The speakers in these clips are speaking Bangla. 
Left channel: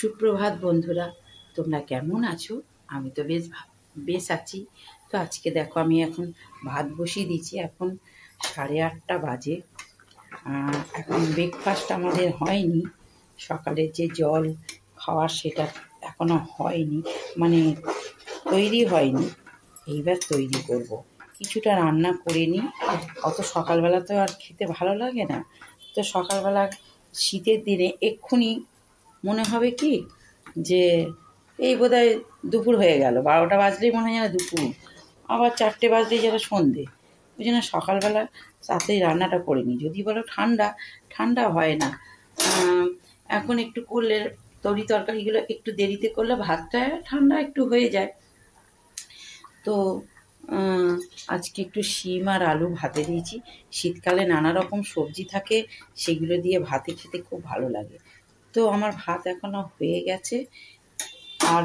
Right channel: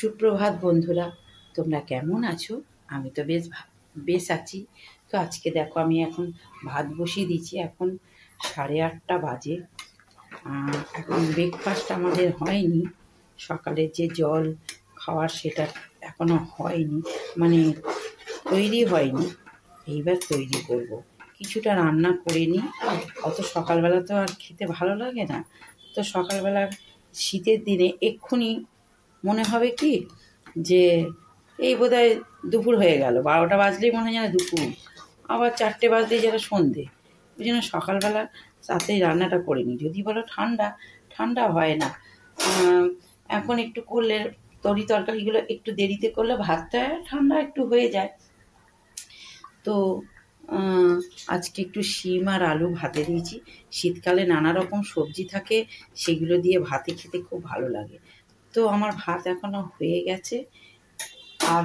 সুপ্রভাত বন্ধুরা, তোমরা কেমন আছো? আমি তো বেশ আছি। তো আজকে দেখো আমি এখন ভাত বসিয়ে দিচ্ছি। এখন 8:30 বাজে। এখন ব্রেকফাস্ট আমাদের হয়নি। সকালে যে জল খাওয়া সেটা এখনো হয়নি, মানে তৈরি হয়নি। এইবার তৈরি করব। কিছুটা রান্না করে নিই। অত সকালবেলা তো আর খেতে ভালো লাগে না। তো সকালবেলা শীতের দিনে এক্ষুনি মনে হবে কি যে এই বোধহয় দুপুর হয়ে গেল, 12টা বাজলেই মনে হয় যেন দুপুর, আবার 4টে বাজলেই যেন সন্ধে। ওই জন্য সকালবেলা তাড়াতাড়ি রান্নাটা করে নিই। যদি বলো ঠান্ডা, ঠান্ডা হয় না। এখন একটু করলে তরকারিগুলো একটু দেরিতে করলে ভাতটা ঠান্ডা একটু হয়ে যায়। তো আজকে একটু শিম আর আলু ভাতে দিয়েছি। শীতকালে নানা রকম সবজি থাকে, সেগুলো দিয়ে ভাতে খেতে খুব ভালো লাগে। তো আমার ভাত এখনো হয়ে গেছে, আর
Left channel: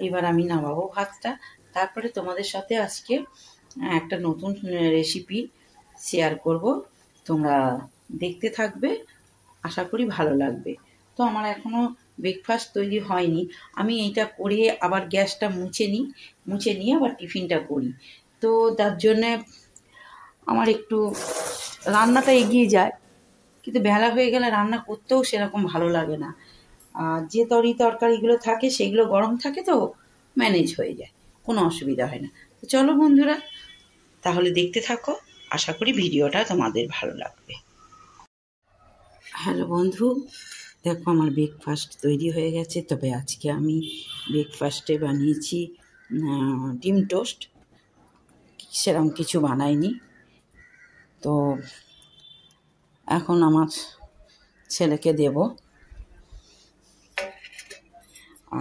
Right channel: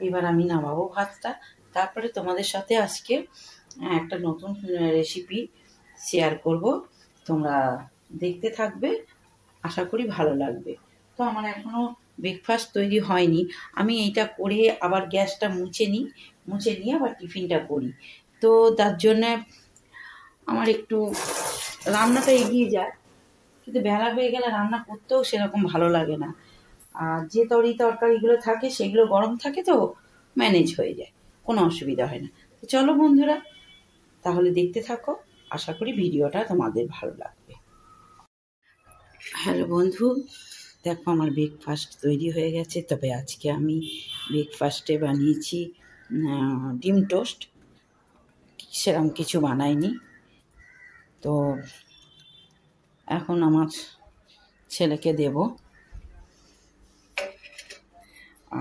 এবার আমি নামাবো ভাতটা। তারপরে তোমাদের সাথে আজকে একটা নতুন রেসিপি শেয়ার করব। তোমরা দেখতে থাকবে, আশা করি ভালো লাগবে। তো আমার এখনো ব্রেকফাস্ট তৈরি হয়নি। আমি এইটা করে আবার গ্যাসটা মুছে নিয়ে আবার টিফিনটা করি। তো তার জন্যে আমার একটু রান্নাটা এগিয়ে যায়, কিন্তু বেলা হয়ে গেলে রান্না করতেও সেরকম ভালো লাগে না। আর যে তরকারিগুলো থাকে সেগুলো গরম থাকে, তো ম্যানেজ হয়ে যায়, কোনো অসুবিধা হয় না। তো চলো বন্ধুরা, তাহলে দেখতে থাকো। আশা করি ভিডিওটা তোমাদের ভালো লাগবে। হ্যালো বন্ধু, দেখো আমার ব্রেকফাস্ট তৈরি হয়ে গেছে। তবে আজকে আমি ব্রেকফাস্টে বানিয়েছি ডিম টোস্ট, সেরকম কিছু বানাইনি। তো এখন আমার ছেলেকে দেব,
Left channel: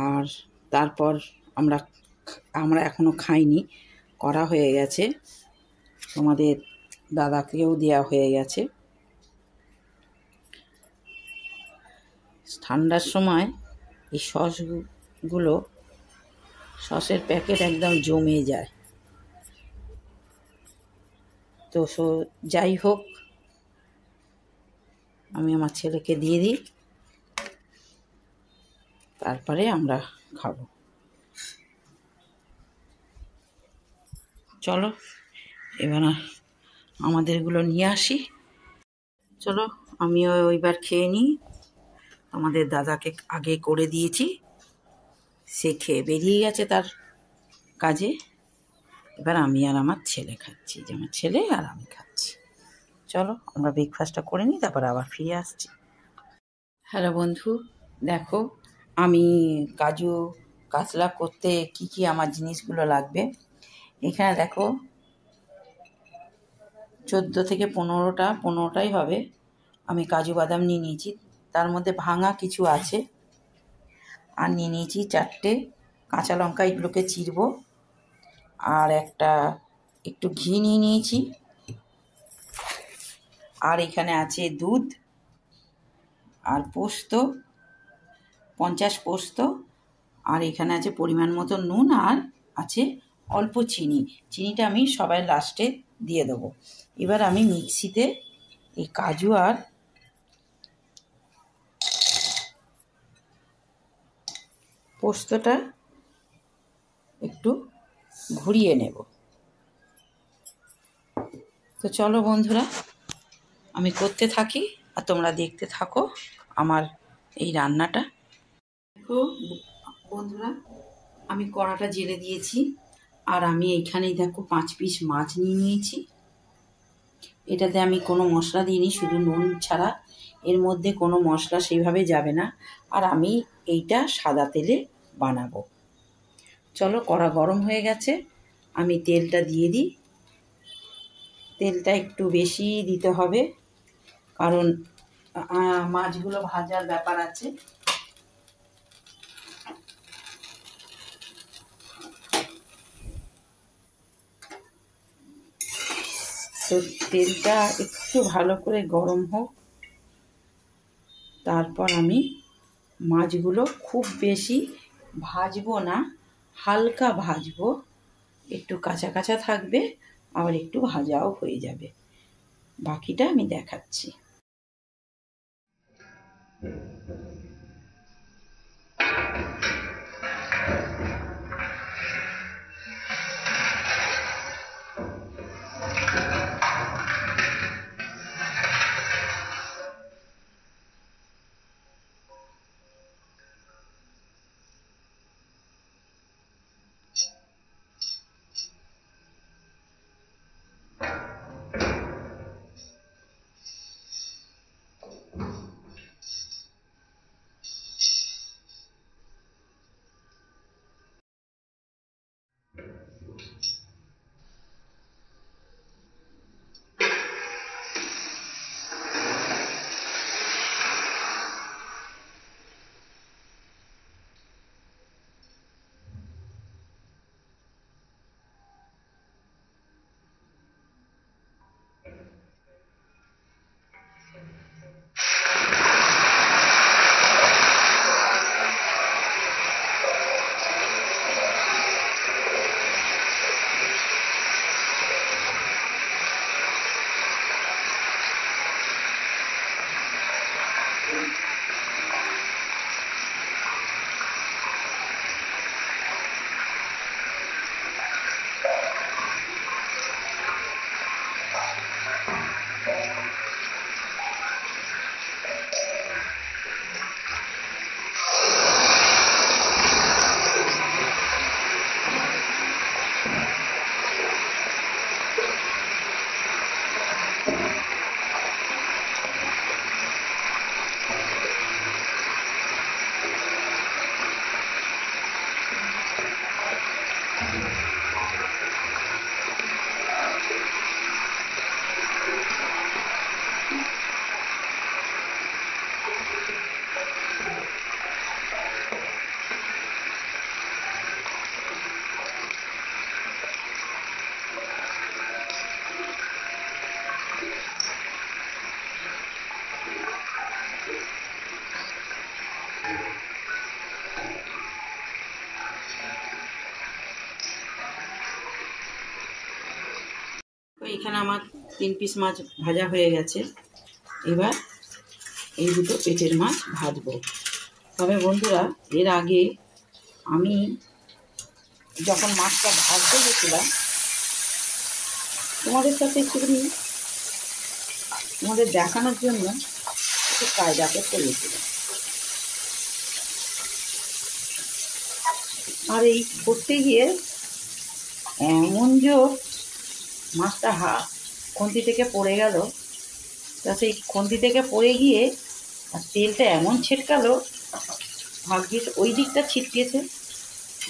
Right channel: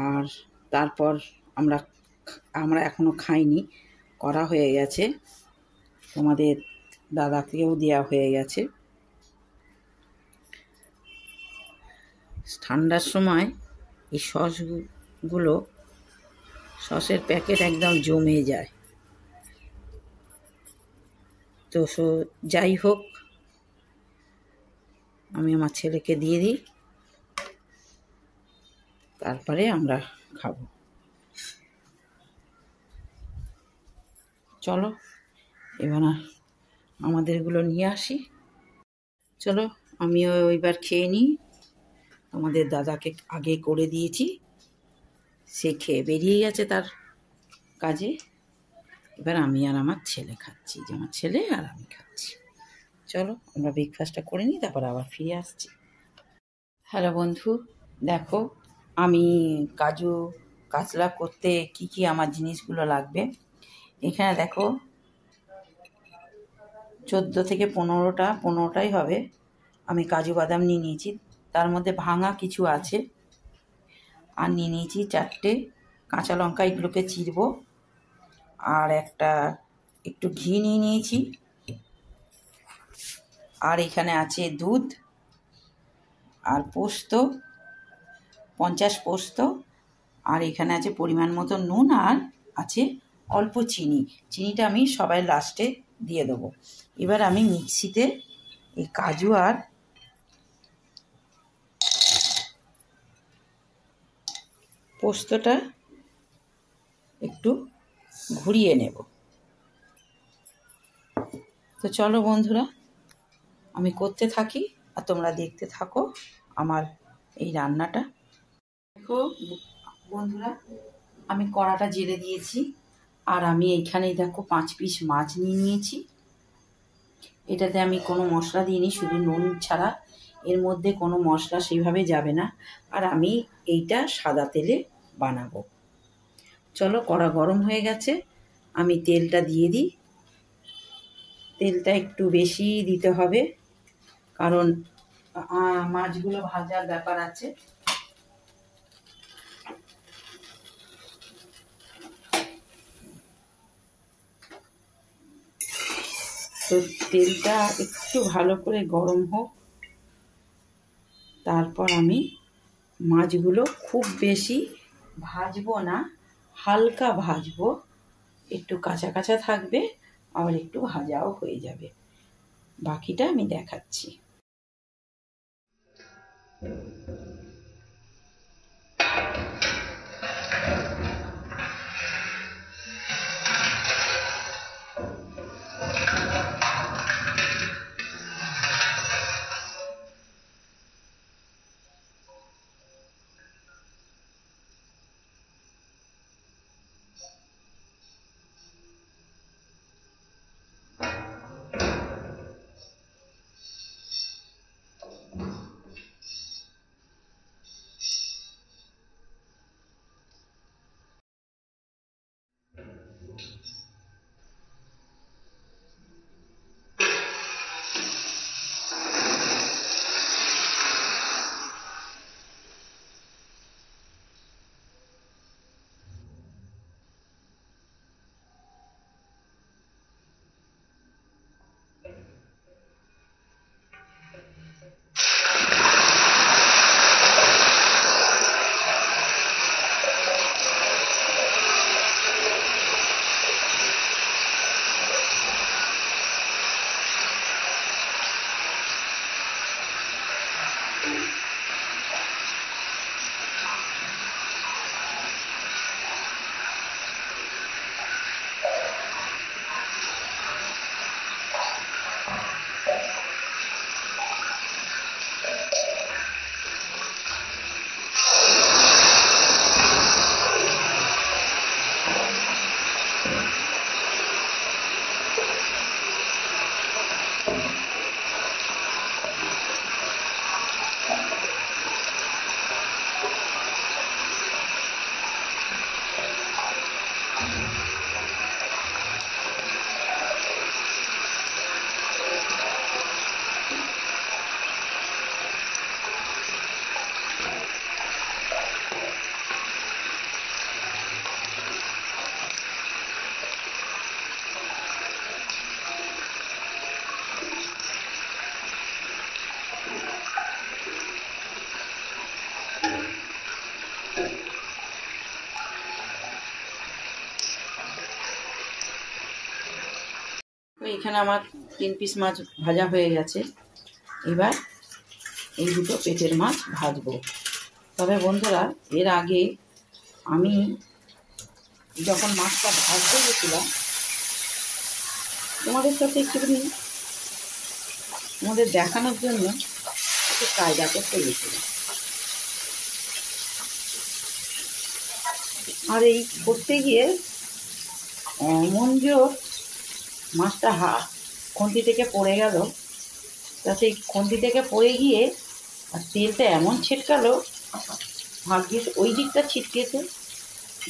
আর তারপর আমরা এখনো খাইনি, করা হয়ে গেছে। আমাদের দাদাকেও দেওয়া হয়ে গেছে। ঠান্ডার সময় এই সসের প্যাকেট একদম জমে যায়। তো যাই হোক, আমি আমার ছেলেকে দিয়ে দিই, তারপরে আমরা খাবো। চলো এবার আমাদেরগুলো নিয়ে আসি। চলো আমিও এবার খেয়ে নিই। আমাদের দাদাকে আগে করে দিয়েছি, সে খেয়ে বেরিয়ে গেছে তার কাজে। এবার আমি আর আমার ছেলে খাচ্ছি, যে আমার ছেলে আর আমি খাচ্ছি। চলো আমরা ব্রেকফাস্টটা করে নিই, তারপর আবার ফিরে আসছি। হ্যালো বন্ধু, দেখো আমি কাজু কাতলা করতে কি কি আমার জিনিসগুলো লাগবে। এখানে দেখো 14 থেকে 15টাই হবে। আমি কাজু বাদাম নিয়ে নিয়েছি, তার মধ্যে ভাঙা কিছু আছে। আর নিয়ে নিয়েছি 4টে কাঁচা লঙ্কা, এগুলোকে চিরবো। আর একটু ঘি নিয়ে নিয়েছি। আর এখানে আছে দুধ আর পোস্ত, 50 পোস্ত। আর এখানে আছে পরিমাণ মতো নুন, আর আছে অল্প চিনি। চিনিটা আমি সবাই লাস্টে দিয়ে দেবো। এবার আমি মিক্সিতে এই কাজু আর পোস্তটা একটু ঘুরিয়ে নেব। তো চলো বন্ধুরা, আমি করতে থাকি আর তোমরা দেখতে থাকো আমার এই রান্নাটা। দেখো বন্ধুরা, আমি কড়াটা জেলে দিয়েছি, আর আমি এইখানেই দেখো 5 পিস মাছ নিয়ে নিয়েছি। এটাতে আমি কোনো মশলা দিইনি, শুধু নুন ছাড়া। এর মধ্যে কোনো মশলা সেইভাবে যাবে না। আর আমি এইটা সাদা তেলে বানাবো। চলো, কড়া গরম হয়ে গেছে, আমি তেলটা দিয়ে দিই। তেলটা একটু বেশি দিতে হবে, কারণ মাছগুলো ভাজার ব্যাপার আছে। তো তেলটা একটু ভালো করে গরম হোক, তারপর আমি মাছগুলো খুব বেশি ভাজবো না, হালকা ভাজবো। একটু কাঁচা কাঁচা থাকবে, আবার একটু ভাজাও হয়ে যাবে। বাকিটা আমি দেখাচ্ছি। এখানে আমার 3 পিস মাছ ভাজা হয়ে গেছে। এবার এই দুটো পেটের মাছ ভাজবো। তবে বন্ধুরা, এর আগে আমি যখন মাছটা ভাজতে গেছিলাম তোমাদের সাথে একটুখানি তোমাদের দেখানোর জন্য একটু কায়দা করতে গেছিলাম। আর এই করতে গিয়ে এমন জোর মাছটা খুন্তি থেকে পড়ে গেল, তা সেই খুন্তি থেকে পড়ে গিয়ে আর তেলটা এমন ছিটকালো, ভাগ্যিস ওই দিকটা ছিটকেছে,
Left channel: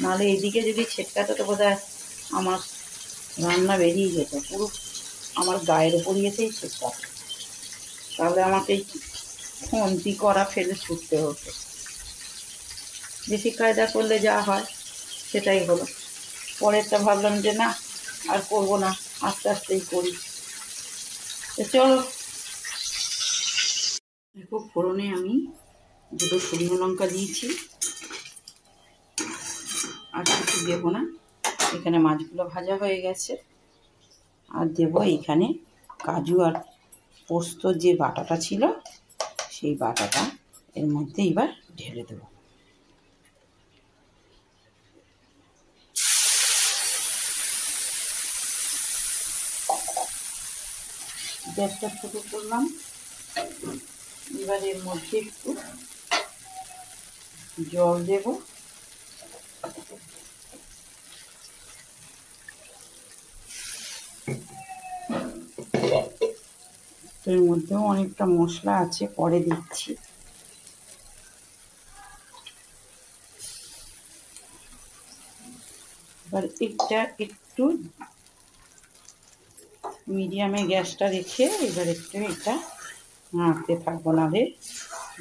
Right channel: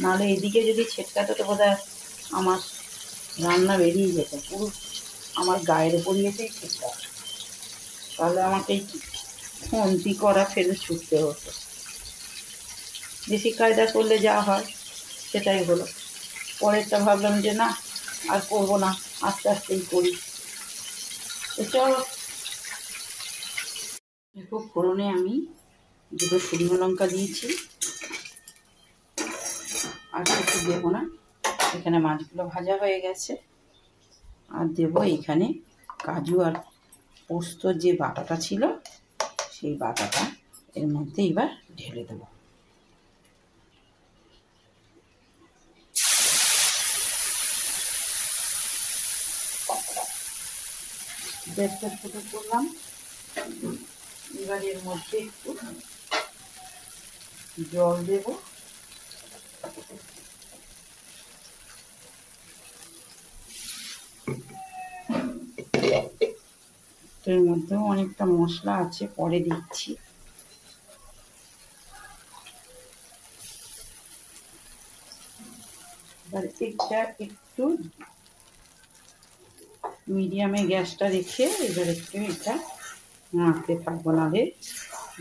নাহলে এদিকে যদি ছিটকাতো তো বোধহয় আমার রান্না বেরিয়ে যেত, পুরো আমার গায়ের উপর গিয়েছেই ছিটকাতো। তাহলে আমাকে এই খুন্তি করা ফেলে ছুটতে হতো। বেশি কায়দা করলে যা হয় সেটাই হলো। পরেরটা ভাবলাম যে না, আর করবো না, আস্তে আস্তেই করি। চলো, দেখো ফোড়নে আমি 2 শুকনো লঙ্কা দিয়েছি, আর কিছু দেবো না। এখানে মাছগুলো ভাজা হয়ে গেছে। আর দেবো এখানে কাজু আর পোস্তর যে বাটাটা ছিল, সেই বাটাটা এর মধ্যে এবার ঢেলে দেবো। গ্যাসটা ছোট করলাম। এবার এর মধ্যে একটু জল দেব। এর মধ্যেও অনেকটা মশলা আছে, পরে দিচ্ছি। এবার এটা একটু মিডিয়ামে গ্যাসটা রেখে এবার একটু এটা নাড়তে থাকবো, নাহলে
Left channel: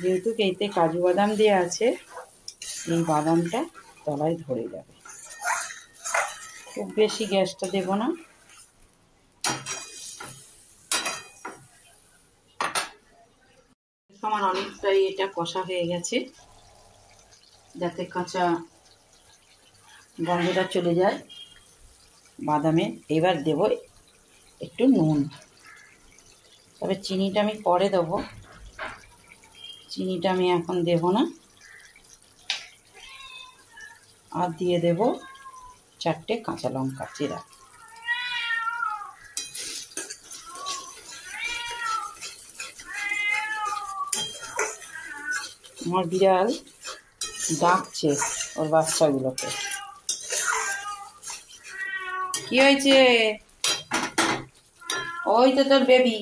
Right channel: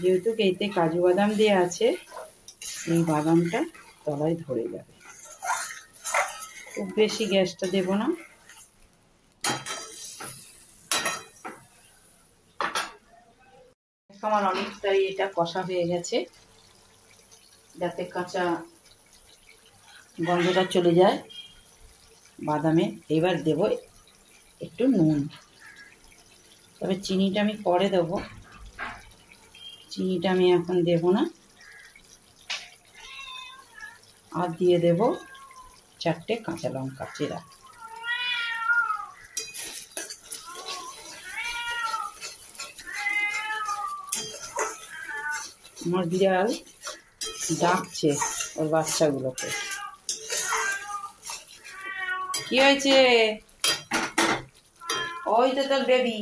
যেহেতু এতে কাজু বাদাম দেওয়া আছে, এই বাদামটা তলায় ধরে যাবে। খুব বেশি গ্যাসটা দেব না। আমার অনেকটাই এটা কষা হয়ে গেছে, যাতে কাঁচা গন্ধটা চলে যায় বাদামের। এবার দেব একটু নুন, তবে চিনিটা আমি পরে দেবো, চিনিটা আমি এখন দেব না। আর দিয়ে দেব 4টে কাঁচা লঙ্কা চেরা। আমার বিড়াল ডাকছে ওর বাচ্চাগুলোকে। কি হয়েছে? ওই তো তোর বেবি,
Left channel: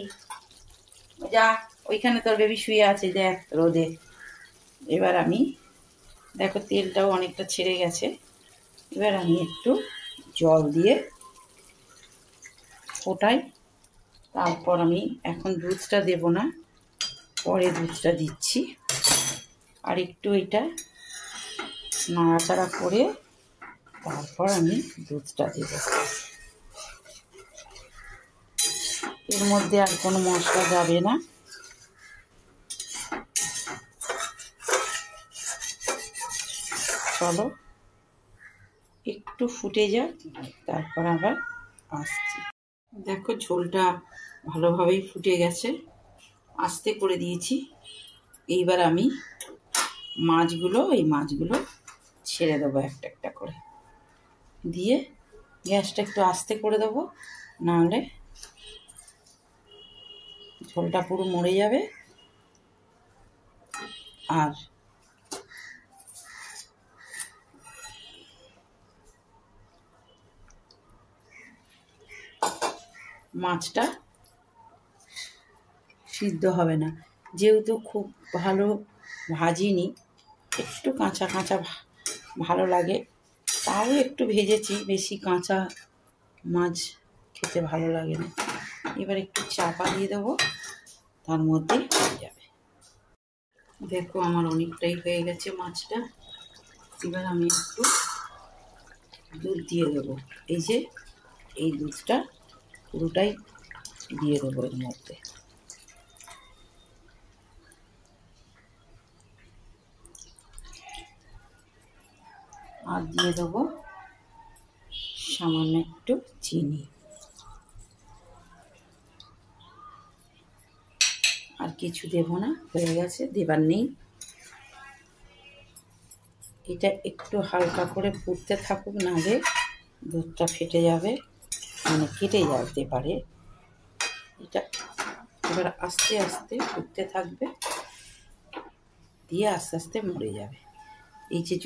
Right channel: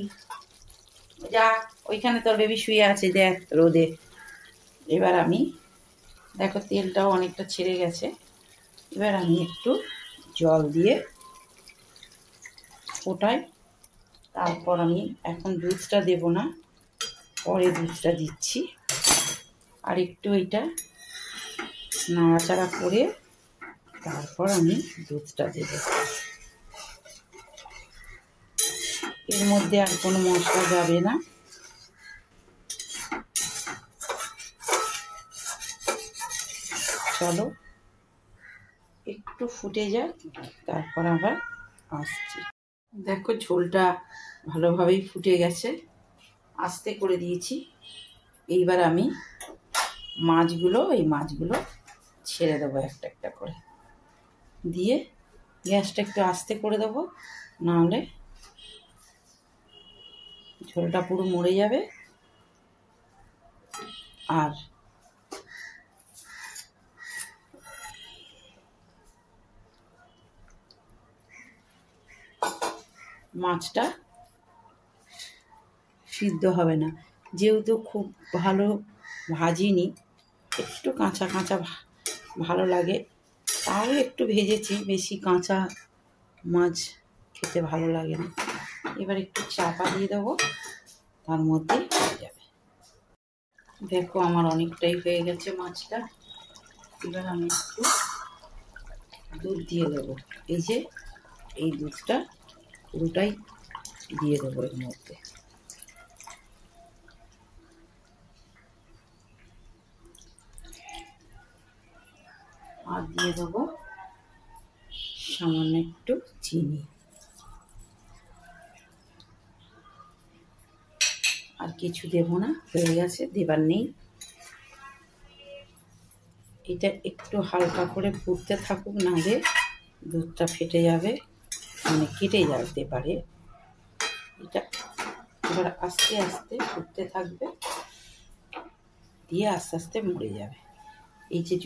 যা ওইখানে তোর বেবি শুয়ে আছে, দেখ রোদে। এবার আমি দেখো তেলটাও অনেকটা ছেড়ে গেছে। এবার আমি একটু জল দিয়ে ফোটাই। তারপর আমি এখন দুধটা দেব না, পরে দুধটা দিচ্ছি। আর একটু এটা নাড়াচাড়া করে তারপর আমি দুধটা দেব। এর মধ্যে আর কোনো মশলা যাবে না। চলো একটু ফুটে যাক, তারপর আবার আসছি। দেখো ঝোলটা ভালোভাবেই ফুটে গেছে, আস্তে করে দিয়েছি। এইবার আমি এই মাছগুলো ছেড়ে দেবো একটা একটা করে, দিয়ে গ্যাসটা একটু আস্তে করে দেবো, নাহলে ঝোলটা পুরো মরে যাবে। আর মাছটা সিদ্ধ হবে না, যেহেতু খুব ভালো ভাজিনি, একটু কাঁচা কাঁচা ভালো লাগে, তাও একটু ভেজেছি। বেশি কাঁচা মাছ খেতে ভালো লাগে না। এবার একটু চাপা দিয়ে দেবো, তার মধ্যেই হয়ে যাবে। দেখো আমার অনেকটাই হয়ে গেছে মাছটা। এবার আমি একটু দুধ দিয়ে দেবো। এই যে এই দুধটা পুরোটাই দিয়ে দেবো এর মধ্যে। আর দিয়ে দেবো সামান্য একটু চিনি। কিছু দেব না, হয়ে গেছে, দেবার নেই। এটা একটু হালকা করে ফুটতে থাকুক, নাহলে দুধটা ফেটে যাবে, মানে কেটে যেতে পারে। এটা এবার আস্তে আস্তে ফুটতে থাকবে, দিয়ে আস্তে আস্তে মরে যাবে। এই যে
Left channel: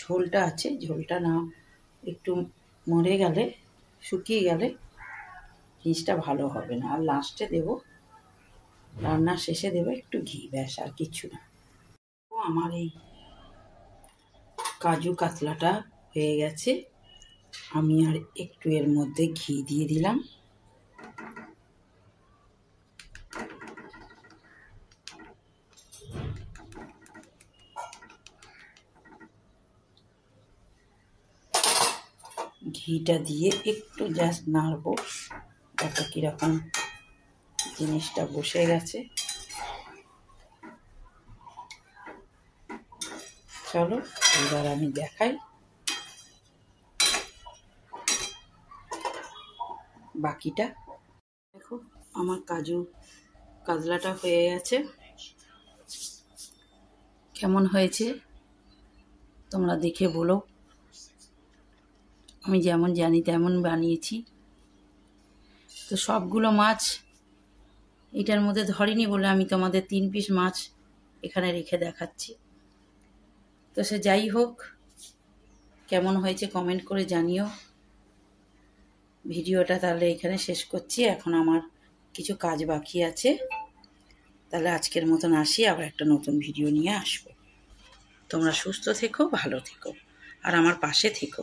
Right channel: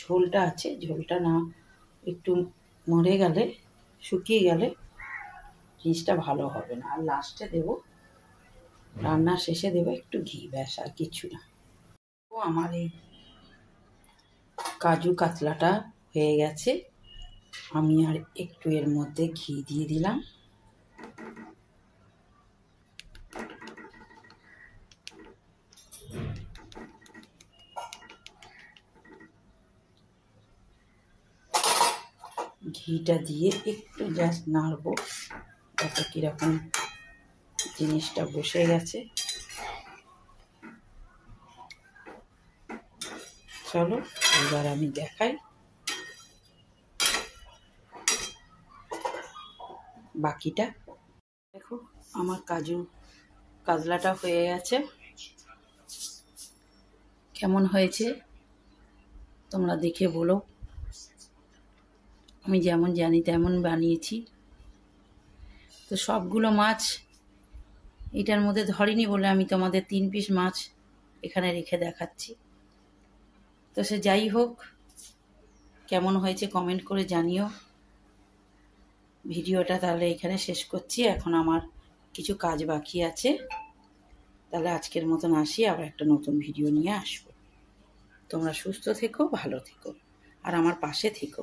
ঝোলটা আছে, ঝোলটা না একটু মরে গেলে, শুকিয়ে গেলে জিনিসটা ভালো হবে না। আর লাস্টে দেব, রান্নার শেষে দেব একটু ঘি, ব্যাস, আর কিচ্ছু না। ও আমার এই কাজু কাতলাটা হয়ে গেছে। আমি আর একটু এর মধ্যে ঘি দিয়ে দিলাম। ঘিটা দিয়ে একটু জাস্ট নাড়বো, দেখা কিরকম জিনিসটা বসে গেছে। চলো এবার আমি দেখাই বাকিটা। দেখো আমার কাজু কাতলাটা হয়ে গেছে। কেমন হয়েছে তোমরা দেখে বলো। আমি যেমন জানি তেমন বানিয়েছি। তো সবগুলো মাছ এটার মধ্যে ধরেনি বলে আমি তোমাদের 3 পিস মাছ এখানে রেখে দেখাচ্ছি। তো সে যাই হোক, কেমন হয়েছে কমেন্ট করে জানিও। ভিডিওটা তাহলে এখানে শেষ করছি, এখন আমার কিছু কাজ বাকি আছে। তাহলে আজকের মতন আসি, আবার একটা নতুন ভিডিও নিয়ে আসবো। তোমরা সুস্থ থেকো, ভালো থেকো, আর আমার পাশে থেকো।